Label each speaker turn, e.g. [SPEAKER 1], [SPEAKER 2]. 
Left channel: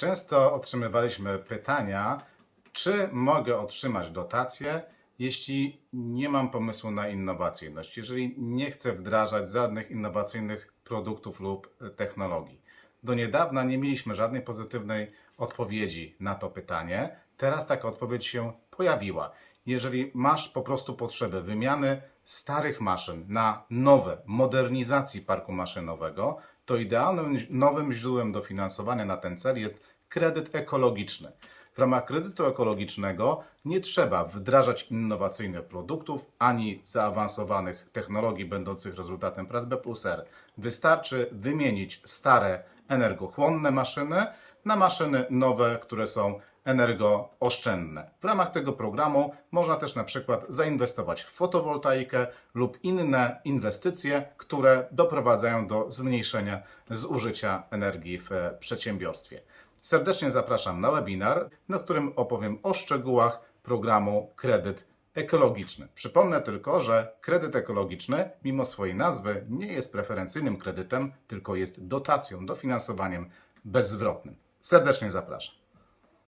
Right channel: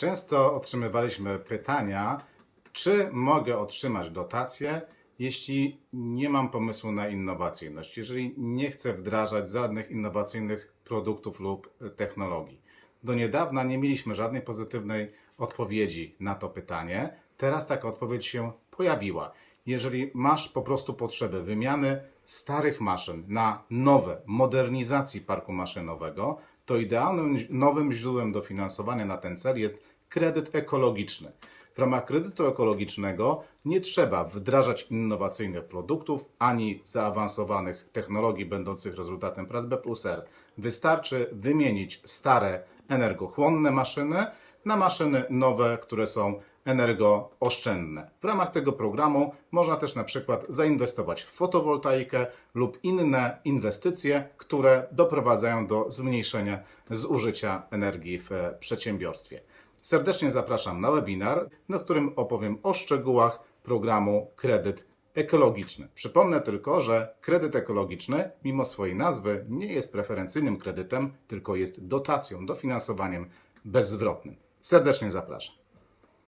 [SPEAKER 1] Często otrzymywaliśmy pytania, czy mogę otrzymać dotację, jeśli nie mam pomysłu na innowacyjność, jeżeli nie chcę wdrażać żadnych innowacyjnych produktów lub technologii. Do niedawna nie mieliśmy żadnej pozytywnej odpowiedzi na to pytanie. Teraz taka odpowiedź się pojawiła. Jeżeli masz po prostu potrzebę wymiany starych maszyn na nowe, modernizacji parku maszynowego, to idealnym nowym źródłem dofinansowania na ten cel jest kredyt ekologiczny. W ramach kredytu ekologicznego nie trzeba wdrażać innowacyjnych produktów ani zaawansowanych technologii będących rezultatem prac B plus R. Wystarczy wymienić stare energochłonne maszyny na maszyny nowe, które są energooszczędne. W ramach tego programu można też na przykład zainwestować w fotowoltaikę lub inne inwestycje, które doprowadzają do zmniejszenia zużycia energii w przedsiębiorstwie. Serdecznie zapraszam na webinar, na którym opowiem o szczegółach programu Kredyt Ekologiczny. Przypomnę tylko, że kredyt ekologiczny, mimo swojej nazwy, nie jest preferencyjnym kredytem, tylko jest dotacją, dofinansowaniem bezzwrotnym. Serdecznie zapraszam.